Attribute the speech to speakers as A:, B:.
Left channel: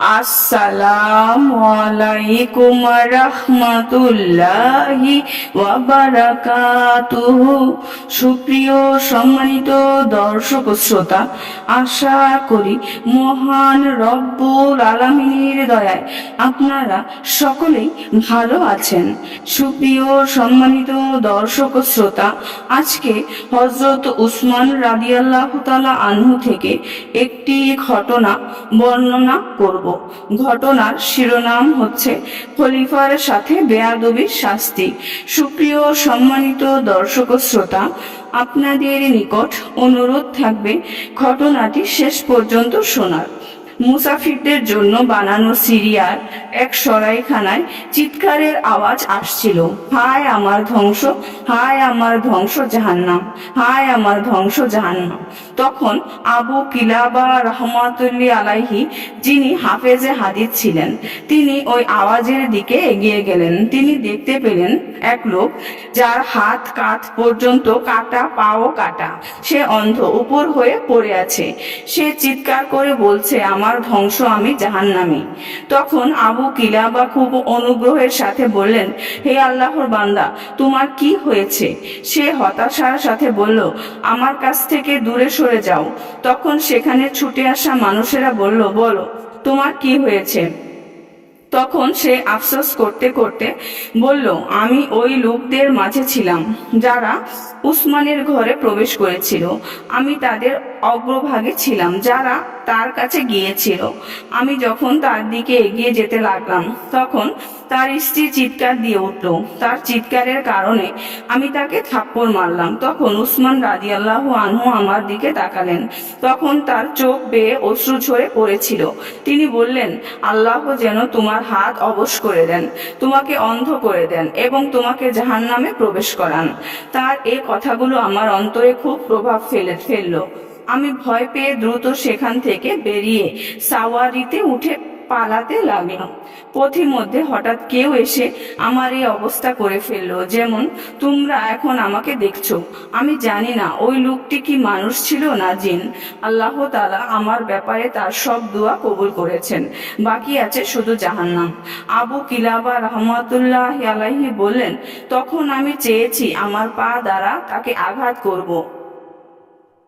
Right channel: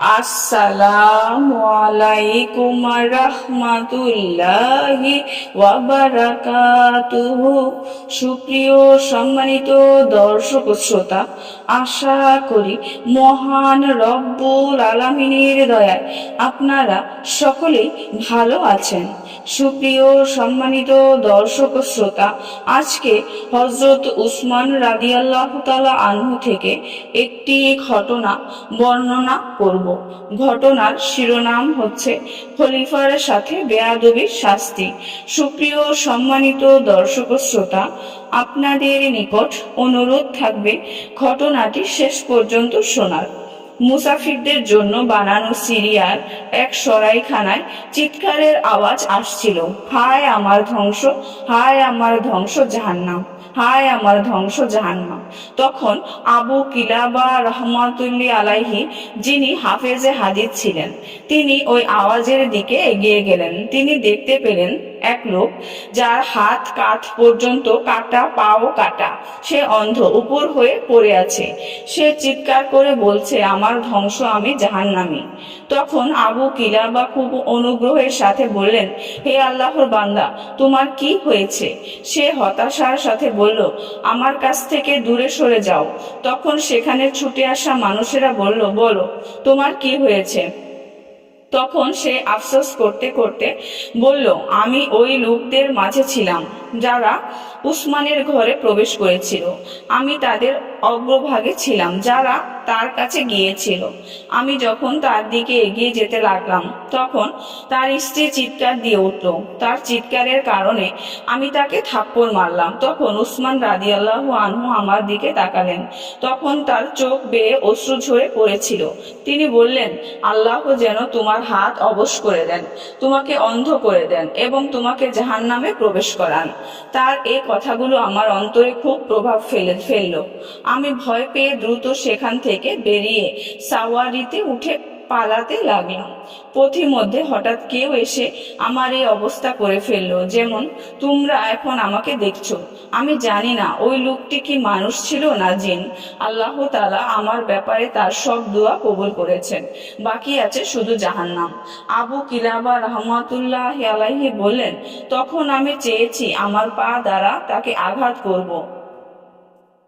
A: আসসালামু আলাইকুম রহমাতুল্লাহি সুপ্রিয় সম্মানিত দর্শক শ্রোতা, আশা করি মহান রব্বুল আলামিনের দয়ায় আপনারা সকলেই ভালো আছেন। সুপ্রিয় সম্মানিত দর্শক শ্রোতা, আজকে হজরত উসমান রাদিয়াল্লাহু আনহু থেকে একটি ঘটনা বর্ণনা করব। ঘটনার শিরোনাম হচ্ছে খলিফার সাথে বেয়াদবির শাস্তি। সুপ্রিয় সম্মানিত দর্শক শ্রোতা, আপনাদের নিকট অনুরোধ থাকবে ঘটনাটি শেষ পর্যন্ত শোনার। মুসাফিরদের জন্য বানানো সিরিয়ার এক সরাইখানায় চিৎকারের আওয়াজ আসছিল। হায় আমার ধ্বংস, হায় আমার ধ্বংস জাহান্নাম, হায় আমার ধ্বংস জাহান্নাম। তখন আবু কিলাবা রহমাতুল্লি আলাইহি, যিনি হাফেজে হাদিস ছিলেন, তিনি ওই আওয়াজের দিকে এগিয়ে গেলেন। তিনি দেখতে পেলেন এক লোক, যার হাত কাঠ পর্যন্ত কাটা, পাও কাটা, সে অন্ধ, উপর হয়ে পড়ে আছে। সে চিৎকার করে বলছে, আমার ধ্বংস আমি জাহান্নামি। তখন আবু কিলাবা খুব অনুগ্রহের সাথে বললেন, হে আল্লাহর বান্দা, তোমার কি হয়েছে? সে হতাশার সাথে বলল, আমার কাছ থেকে দূরে সরে যাও। তখন সেখানে ছুটে আসা মানুষেরা বলল, বলো, তোমার কি হয়েছে? তখন সে আফসোস করতে করতে বলল, আমি ওই লোকদের মাঝে ছিলাম যারা উসমানের ঘরে প্রবেশ করেছিল। আমি তাদের অগ্রভাগে ছিলাম, যারা তার কাছে গিয়েছিল। আমি যখন তার দিকে এগিয়ে যেতে লাগলাম, তখন তার স্ত্রী চিৎকার দিয়ে উঠল। তার চিৎকারের কারণে আমি তাকে থাপ্পড় মারলাম। তখন উসমান রাদিয়াল্লাহু আনহু আমার দিকে তাকালেন। তখন তার চোখ বেয়ে অশ্রু ঝরে পড়েছিল। তিনি বললেন, আল্লাহ যেন তোমার হাত অবশ করে দেন, তোমাকে অন্ধ করে দেন এবং তোমাকে জাহান নামে প্রবেশ করান। তার এ কথাগুলো আমার অন্তরে খুব প্রভাব ফেলে, ফেলল। আমি ভয় পেয়ে দ্রুত সেখান থেকে বেরিয়ে সাওয়ারিতে উঠে পালাতে লাগলাম। পথিমধ্যে হঠাৎ কেউ এসে আমার এই অবস্থা করে ফেলল, যেমন, তোমরা এখন আমাকে দেখছ। আমি জানি না, ওই লোকটি কি মানুষ ছিল না জিন। আল্লাহ তালা আমার ব্যাপারে তার সব দোয়া কবুল করেছেন। বাকি আছে শুধু জাহান্নাম। আবু কিলাবা রহমতুল্লাহ আলাহি বললেন, তখন আমি চেয়েছি আমার পা দ্বারা তাকে আঘাত করব।